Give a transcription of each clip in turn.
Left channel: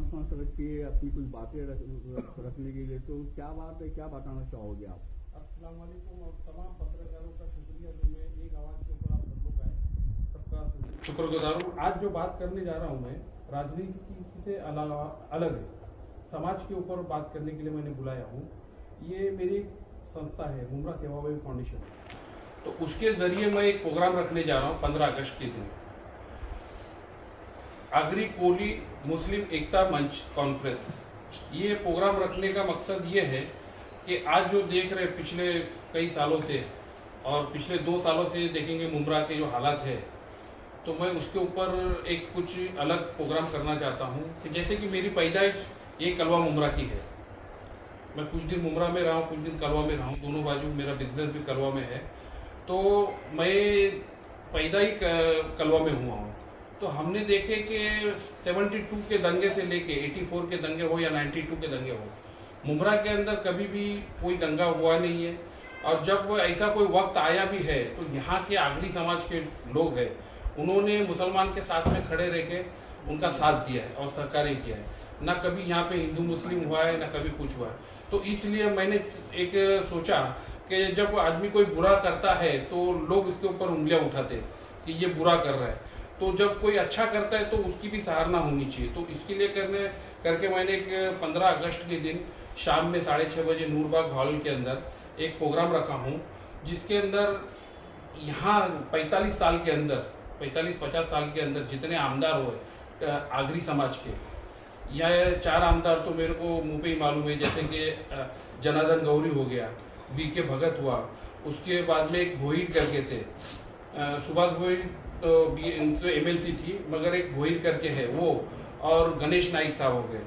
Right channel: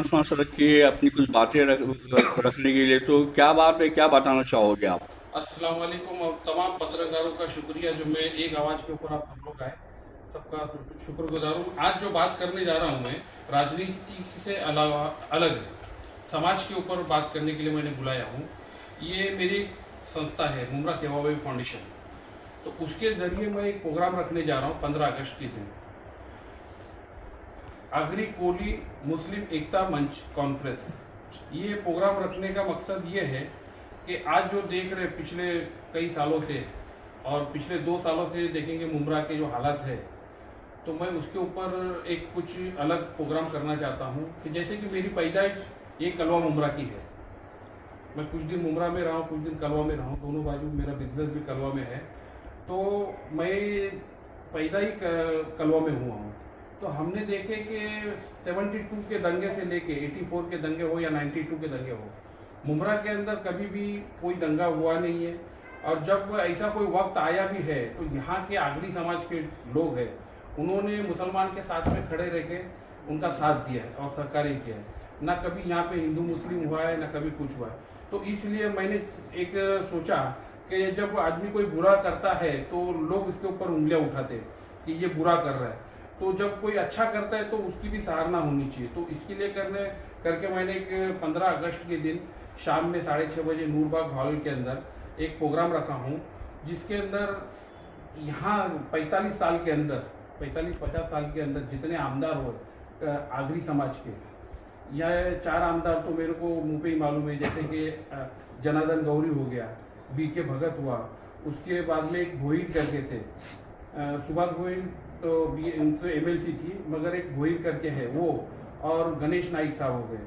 शांत सांस रख के अपनी कुछ बातें रखने के लिए, तो क्या बात है, क्या बताना चाहोगे आप? अस्सलाम वालेकुम और तमाम पत्रकारों का शुक्रिया जो मैं एक आवाज़ के ऊपर आप हम लोग आए, सबका शुक्रगुजार हूँ। आज जो बात करने जा रहा हूँ मैं राजनीति से अलावा अलग है, समाज के ऊपर बात करने के लिए मैंने बुलाया हूँ। ये मेरी संस्था है मुमरा सेवाभावी फाउंडेशन, तो उसके ज़रिए मैं एक प्रोग्राम रखने जा रहा हूँ 15 अगस्त के दिन। आगरी कोली मुस्लिम एकता मंच कॉन्फ्रेंस। ये प्रोग्राम रखने का मकसद ये है कि आज जो देख रहे पिछले कई सालों से और पिछले 2 सालों से देखेंगे मुमरा के जो हालात है, तो मैं उसके ऊपर एक कुछ अलग प्रोग्राम करना चाहता हूँ कि जैसे कि मेरी पैदाइश ये कलवा मुमरा की है। मैं कुछ दिन मुमरा में रहा हूँ, कुछ दिन कलवा में रहा हूँ, दोनों बाजू मेरा बिजनेस भी कलवा में है। तो मैं पैदा ही कलवा में हुआ हूँ। तो हमने देखे कि 72 के दंगे से लेके 84 के दंगे हो या 92 के दंगे हो, मुमरा के अंदर कभी भी कोई दंगा हुआ नहीं है। और जब ऐसा कोई वक्त आया भी है तो यहाँ के आगरी समाज के लोग हैं, उन्होंने मुसलमान के साथ में खड़े रह के उनका साथ दिया है और सहकार्य किया है। ना कभी यहाँ पे हिंदू मुस्लिम हुआ है, ना कभी कुछ हुआ है। तो इसलिए मैंने एक सोचा कि जब आदमी कोई बुरा करता है तो लोग इसके ऊपर उंगलियां उठाते कि ये बुरा कर रहा है, तो जब कोई अच्छा करता है तो उसकी भी सराहना होनी चाहिए। तो इसके लिए करके मैंने एक 15 अगस्त के दिन शाम में 6:30 बजे नूरबाग हॉल के अंदर एक प्रोग्राम रखा हूँ, जिसके अंदर यहाँ 45 साल के अंदर 45-50 साल के अंदर जितने आमदार हुए आगरी समाज के, यह 4 आमदार तो मेरे को मुंह पे ही मालूम है, जैसे कि जनार्दन गौरी हो गया, बीके भगत हुआ, उसके बाद में एक भोईर करके थे, सुभाष भोईर तो उनकी एमएलसी थी मगर एक भोईर करके है वो, और गणेश नाइक साहब हो गए।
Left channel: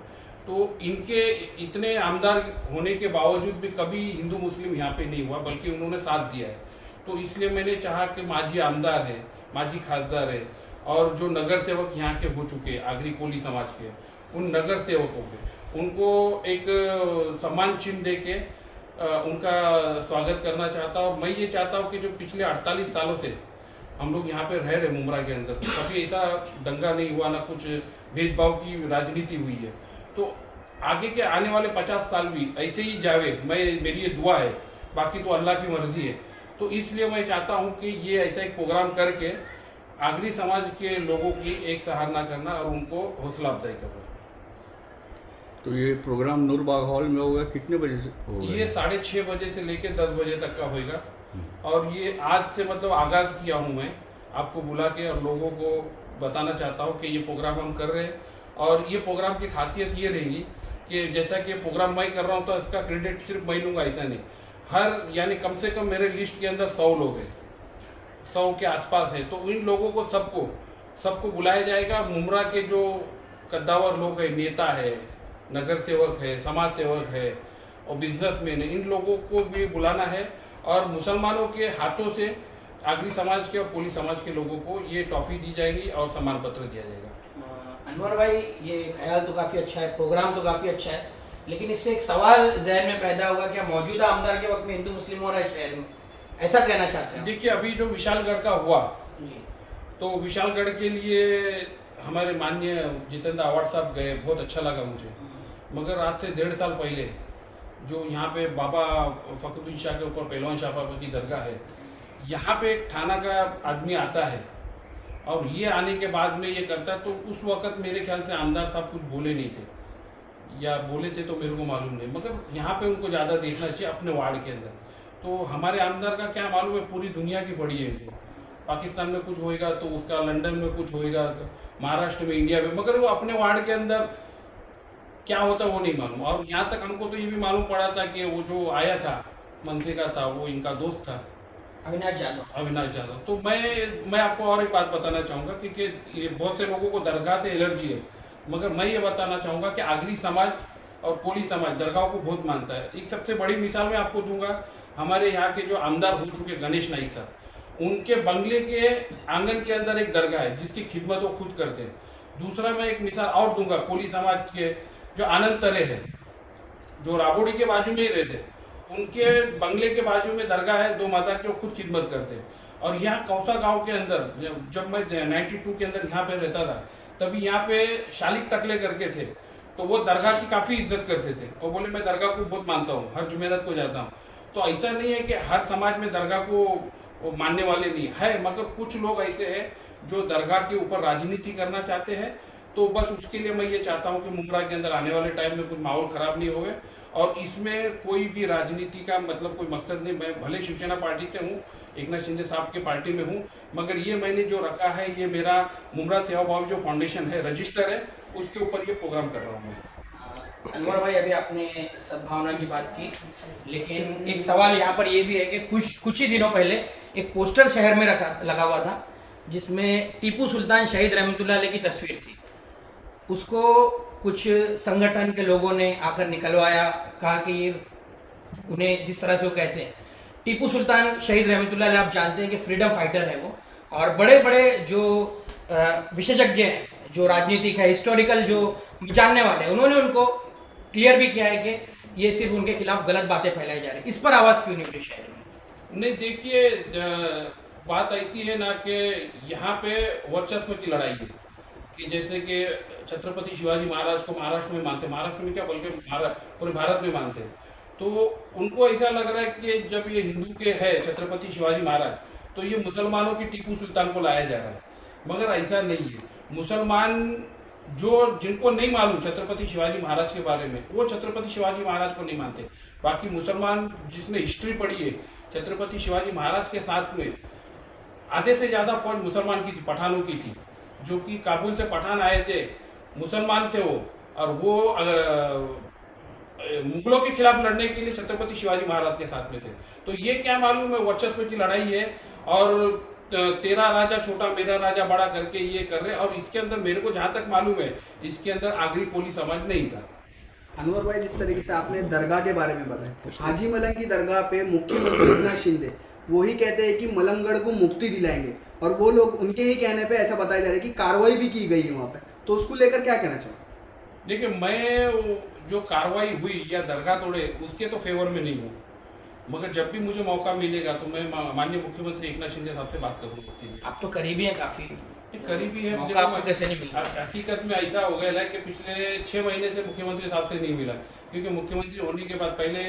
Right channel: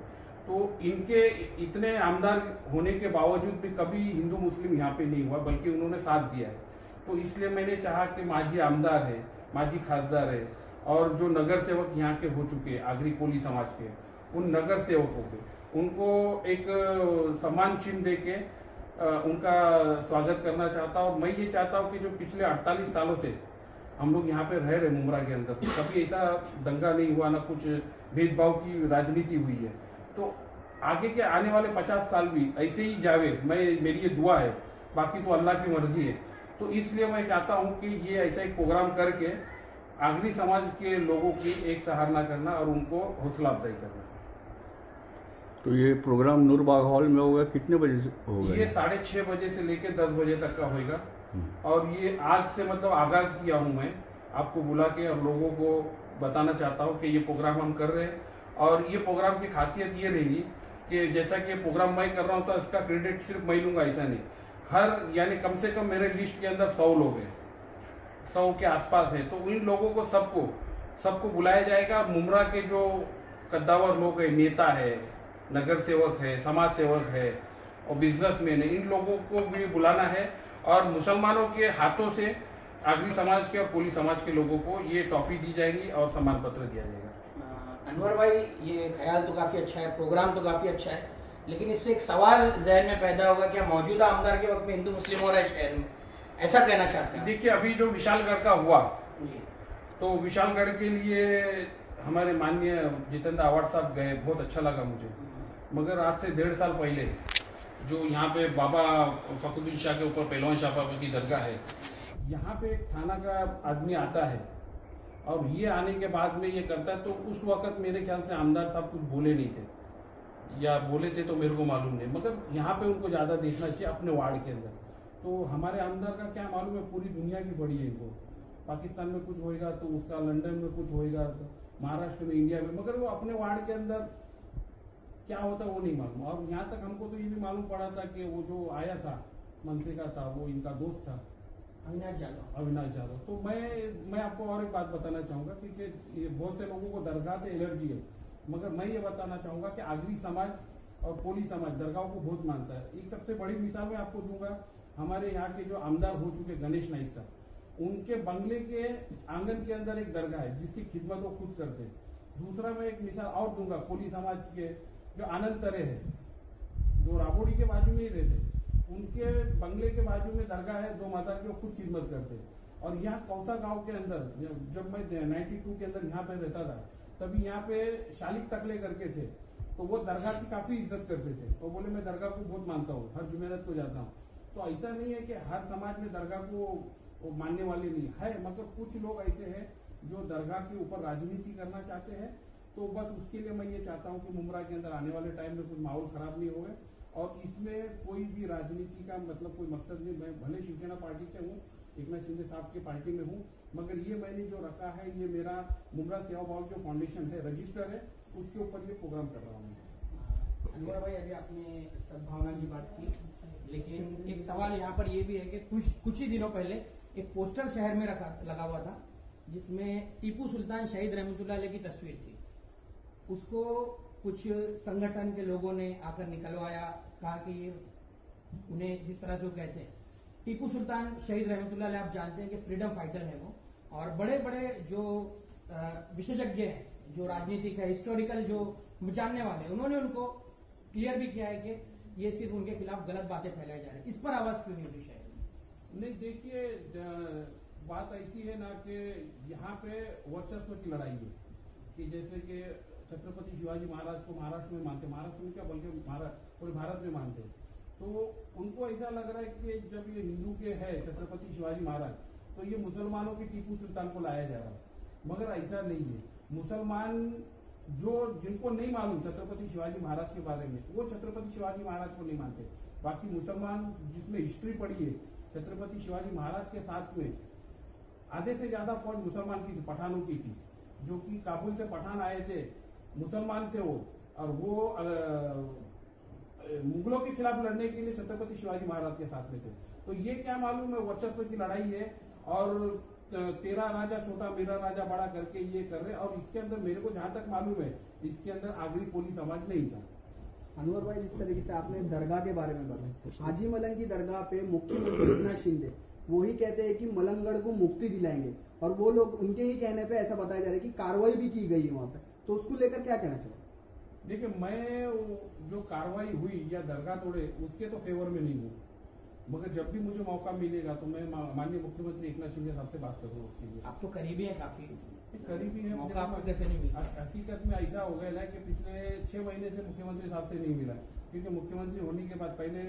तो इनके इतने आमदार होने के बावजूद भी कभी हिंदू मुस्लिम यहाँ पे नहीं हुआ, बल्कि उन्होंने साथ दिया है। तो इसलिए मैंने चाहा कि माजी आमदार है, माजी खासदार है, और जो नगर सेवक यहाँ के हो चुके आगरी कोली समाज के, उन नगर सेवकों के उनको एक सम्मान चिन्ह दे के उनका स्वागत करना चाहता हूँ। मैं ये चाहता हूँ कि जो पिछले 48 सालों से हम लोग यहाँ पे रह रहे मुमरा के अंदर, कभी ऐसा दंगा नहीं हुआ, ना कुछ भेदभाव की राजनीति हुई है। तो आगे के आने वाले 50 साल भी ऐसे ही जावे, मेरी ये दुआ है, बाकी तो अल्लाह की मर्जी है। तो इसलिए मैं चाहता हूँ कि ये ऐसा एक प्रोग्राम करके आगरी समाज के लोगों की एक सराहना करना और उनको हौसला अफजाई करना। तो ये प्रोग्राम नूरबाग हॉल में होगा, कितने बजे से होगा? ये 6:30 बजे से लेके 10 बजे तक का होगा। और ये आज से मतलब आगाज किया हूँ मैं, आपको बुला के और लोगों को बताना चाहता हूँ कि ये प्रोग्राम हम कर रहे हैं। और ये प्रोग्राम की खासियत ये रहेगी कि जैसा कि प्रोग्राम मैं कर रहा हूँ तो इसका क्रेडिट सिर्फ मैं लूँगा ऐसा नहीं, हर यानी कम से कम मेरे लिस्ट के अंदर 100 लोग हैं, 100 के आसपास है। तो इन लोगों को सबको बुलाया जाएगा। मुमरा के जो कद्दावर लोग हैं, नेता है, नगर सेवक है, समाज सेवक है और बिजनेसमैन है, इन लोगों को भी बुलाना है। और मुसलमानों के हाथों से आगरी समाज के और कोली समाज के लोगों को ये टॉफी दी जाएगी और सम्मान पत्र दिया जाएगा। अनवर भाई, ये ख्याल तो काफ़ी अच्छा है, प्रोग्राम तो काफ़ी अच्छा है, लेकिन इससे एक सवाल जहन में पैदा होगा, क्या मौजूदा आमदार के वक्त में हिंदू मुस्लिम हो रहा है शहर में, ऐसा कहना चाहते हैं? देखिए, अभी जो विशालगढ़ का हुआ, तो विशालगढ़ के लिए हमारे माननीय जितेंद्र आवाड़ साहब गए, बहुत अच्छा लगा मुझे। मगर आज से 1.5 साल पहले जो यहाँ पे बाबा फखरुद्दीन शाह के ऊपर पहलवान शाह बाबा की दरगाह है, यहाँ पे एक थाना का आदमी आता है और ये आने के बाद में ये करता है। तो उस वक्त मेरे ख्याल से आमदार साहब कुछ बोले नहीं थे, या बोले थे तो मेरे को मालूम नहीं, मगर यहाँ पे उनको ज़्यादा देखना चाहिए अपने वार्ड के अंदर। तो हमारे आमदार का क्या मालूम है, पूरी दुनिया की बड़ी है इनको, पाकिस्तान में कुछ होएगा तो उसका, लंदन में कुछ होएगा तो महाराष्ट्र में, इंडिया में, मगर वो अपने वार्ड के अंदर क्या होता है वो नहीं मालूम। और यहाँ तक हमको तो ये भी मालूम पड़ा था कि वो जो आया था मनसे का था, वो इनका दोस्त था अविनाश यादव। तो मैं आपको और एक बात बताना चाहूँगा कि ये बहुत से लोगों को दरगाह से एलर्जी है, मगर मैं ये बताना चाहूँगा कि आगरी समाज और कोली समाज दरगाह को बहुत मानता है। एक सबसे बड़ी मिसाल मैं आपको दूंगा, हमारे यहाँ के जो आमदार हो चुके गणेश नाइक साहब, उनके बंगले के आंगन के अंदर एक दरगाह है जिसकी खिदमत वो खुद करते हैं। दूसरा मैं एक मिसाल और दूंगा, कोली समाज के जो आनंद तरे है, जो राबोड़ी के बाजू में ही रहते, उनके बंगले के बाजू में दरगाह है, 2 मज़ार की, वो खुद खिदमत करते हैं। और यहाँ कौसा गांव के अंदर जब मैं 92 के अंदर यहाँ पे रहता था, तभी यहाँ पे शालिक टकले करके थे, तो वो दरगाह की काफ़ी इज्जत करते थे और बोले मैं दरगाह को बहुत मानता हूँ, हर जुमेरात को जाता हूँ। तो ऐसा नहीं है कि हर समाज में दरगाह को मानने वाले नहीं है, मगर कुछ लोग ऐसे हैं जो दरगाह के ऊपर राजनीति करना चाहते हैं। तो बस उसके लिए मैं ये चाहता हूँ कि मुमरा के अंदर आने वाले टाइम में कुछ माहौल ख़राब नहीं होवे और इसमें कोई भी राजनीति का मतलब कोई मकसद नहीं। मैं भले शिवसेना पार्टी से हूँ, एकनाथ शिंदे साहब के पार्टी में हूँ, मगर ये मैंने जो रखा है ये मेरा मुमरा सेवा भाव जो फाउंडेशन है, रजिस्टर है, उसके ऊपर ये प्रोग्राम कर रहा हूँ मैं। अनवर भाई, अभी आपने सद्भावना की बात की, लेकिन एक सवाल यहाँ पर ये भी है कि कुछ ही दिनों पहले एक पोस्टर शहर में लगा हुआ था जिसमें टीपू सुल्तान शहीद रहमतुल्लाह अलैह की तस्वीर थी। उसको कुछ संगठन के लोगों ने आकर निकलवाया, कहा कि ये उन्हें जिस तरह से वो कहते हैं टीपू सुल्तान शहीद रहमतुल्लाह अलैह, आप जानते हैं कि फ्रीडम फाइटर है वो, और बड़े बड़े जो विशेषज्ञ हैं, जो राजनीतिक है, हिस्टोरिकल जो जानने वाले हैं, उन्होंने उनको क्लियर भी किया है कि ये सिर्फ उनके खिलाफ गलत बातें फैलाई जा रही। इस पर आवाज़ क्यों नहीं उठी शहर में? नहीं, देखिए बात ऐसी है ना कि यहाँ पे वर्चस्व की लड़ाई है कि जैसे कि छत्रपति शिवाजी महाराज को महाराष्ट्र में मानते, महाराष्ट्र में क्या बल्कि पूरे भारत में मानते हैं। तो उनको ऐसा लग रहा है कि जब ये हिंदू के है छत्रपति शिवाजी महाराज, तो ये मुसलमानों की टीपू सुल्तान को लाया जा रहा है, मगर ऐसा नहीं है। मुसलमान जिनको नहीं मालूम छत्रपति शिवाजी महाराज के बारे में, वो छत्रपति शिवाजी महाराज को नहीं मानते। बाकी मुसलमान जिसने हिस्ट्री पढ़ी है, छत्रपति शिवाजी महाराज के साथ में आधे से ज़्यादा फौज मुसलमान की थी, पठानों की थी, जो कि काबुल से पठान आए थे, मुसलमान थे वो, और वो मुगलों के खिलाफ लड़ने के लिए छत्रपति शिवाजी महाराज के साथ में थे। तो ये क्या मालूम है, वर्चस्व की लड़ाई है और तेरा राजा छोटा मेरा राजा बड़ा करके ये कर रहे। और इसके अंदर मेरे को जहाँ तक मालूम है, इसके अंदर आगरी कोली समाज नहीं था। अनवर भाई, जिस तरीके से आपने दरगाह के बारे में बताया, हाजी मलंग की दरगाह पे मुख्यमंत्री एकनाथ शिंदे वही कहते हैं कि मलंगगढ़ को मुक्ति दिलाएंगे, और वो लोग उनके ही कहने पे ऐसा बताया जा रहा है कि कार्रवाई भी की गई है वहाँ पे। तो उसको लेकर क्या कहना चाहिए? देखिए, मैं जो कार्रवाई हुई या दरगाह तोड़े उसके तो फेवर में नहीं हूँ, मगर जब भी मुझे मौका मिलेगा तो मैं माननीय मुख्यमंत्री एकनाथ शिंदे साहब से बात करूँगा उसके लिए। आप तो करीबी हैं, काफ़ी करीबी है। आपको कैसे नहीं मिला? हकीकत में ऐसा हो गया है कि पिछले 6 महीने से मुख्यमंत्री साहब से नहीं मिला, क्योंकि मुख्यमंत्री होने के बाद पहले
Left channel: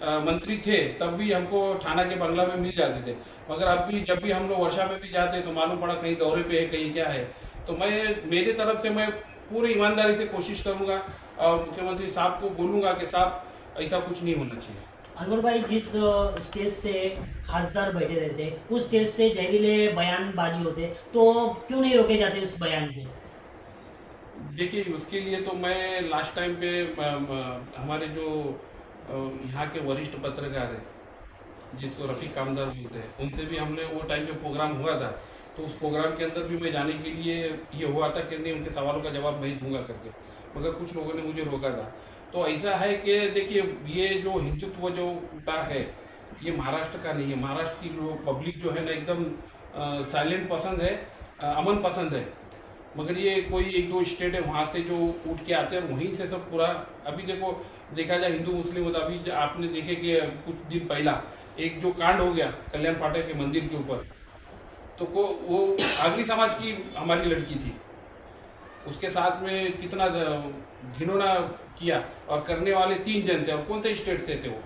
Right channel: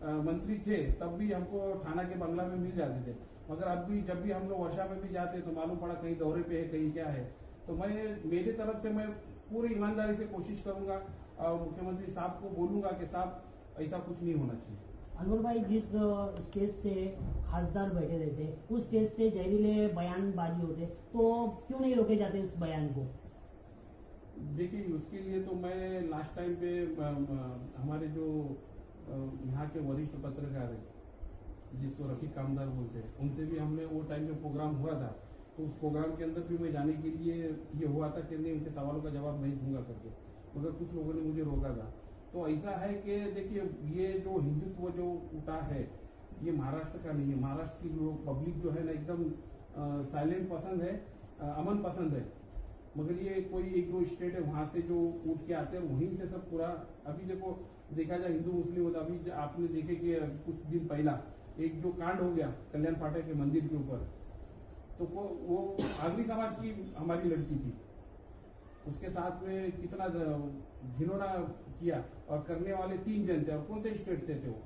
मंत्री थे तब भी हमको थाना के बंगला में मिल जाते थे, मगर अब भी जब भी हम लोग वर्षा में भी जाते तो मालूम पड़ा कहीं दौरे पे है, कहीं क्या है। तो मेरे तरफ से मैं पूरी ईमानदारी से कोशिश करूँगा और मुख्यमंत्री साहब को बोलूँगा कि साहब ऐसा कुछ नहीं होना चाहिए। अनवर भाई, जिस स्टेज से खासदार बैठे रहते उस स्टेज से जहरीले बयानबाजी होते, तो क्यों नहीं रोके जाते उस बयान को? देखिए, उसके लिए तो मैं लास्ट टाइम पे हमारे जो यहाँ के वरिष्ठ पत्रकार हैं जिसको रफ़ीक कामदार बोलते हैं, उनसे भी हमने वो टाइम पे प्रोग्राम हुआ था, तो उस प्रोग्राम के अंदर भी मैं जाने के लिए ये हुआ था कि नहीं, उनके सवालों का जवाब मैं दूंगा करके, मगर कुछ लोगों ने मुझे रोका था। तो ऐसा है कि देखिए, ये जो हिंदुत्व जो उठा है ये महाराष्ट्र का नहीं है। महाराष्ट्र की लोग पब्लिक जो है ना एकदम साइलेंट पसंद है, अमन पसंद है, मगर ये कोई 1-2 स्टेट है वहाँ से जो उठ के आते हैं वहीं से सब पूरा। अभी देखा जाए हिंदू मुस्लिम हो, तो अभी आपने देखे कि कुछ दिन पहला एक जो कांड हो गया कल्याण फाटक के मंदिर के ऊपर, तो वो आगरी समाज की हमारी लड़की थी, उसके साथ में कितना घिनौना किया, और करने वाले 3 जन थे, और कौन से स्टेट से थे वो।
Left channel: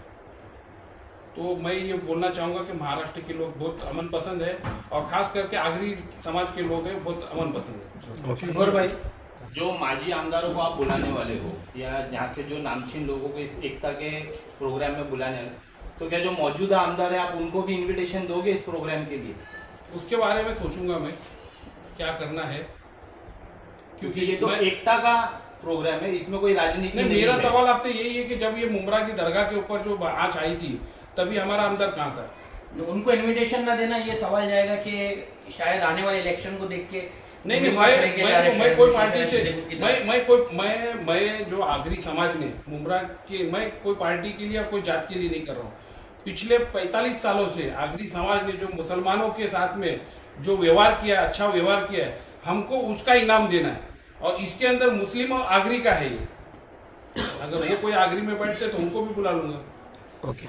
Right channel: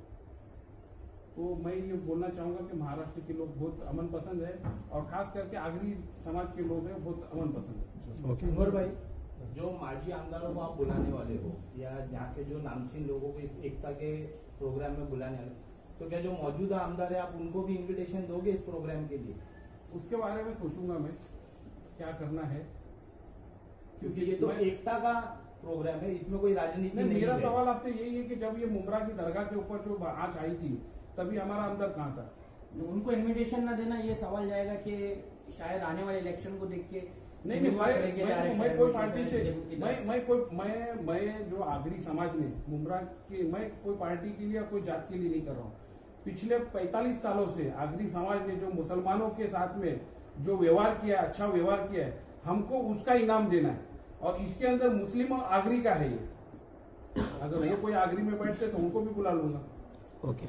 तो मैं ये बोलना चाहूँगा कि महाराष्ट्र के लोग बहुत अमन पसंद है, और खास करके आगरी समाज के लोग हैं बहुत अमन पसंद है। अनवर भाई, जो माजी आमदारों को आप बुलाने वाले हो या यहाँ के जो नामचीन लोगों को इस एकता के प्रोग्राम में बुलाने वाले, तो क्या जो मौजूदा आमदार है आप उनको भी इनविटेशन दोगे इस प्रोग्राम के लिए? उसके बारे में सोचूंगा मैं क्या करना है, क्योंकि ये तो एकता का प्रोग्राम है, इसमें कोई राजनीति नहीं। मेरा सवाल आपसे यही है कि जब ये मुमरा की दरगाह के ऊपर जो आँच आई थी तभी हमारा आमदार कहाँ था? उनको इनविटेशन ना देना, ये सवाल जाएगा कि शायद आने वाले इलेक्शन को देख के नहीं, मैं कोई पार्टी से मैं जो आगरी समाज ने मुमरा के, मैं कोई पार्टी के लिए कोई जात के लिए नहीं कर रहा हूँ। पिछले 45 सालों से आगरी समाज ने जो मुसलमानों के साथ में जो व्यवहार किया, अच्छा व्यवहार किया है, हमको उसका इनाम देना है, और इसके अंदर मुस्लिम और आगरी का है ये। अगर वो कोई आगरी में बैठते तो उनको भी बुला लूंगा। ओके।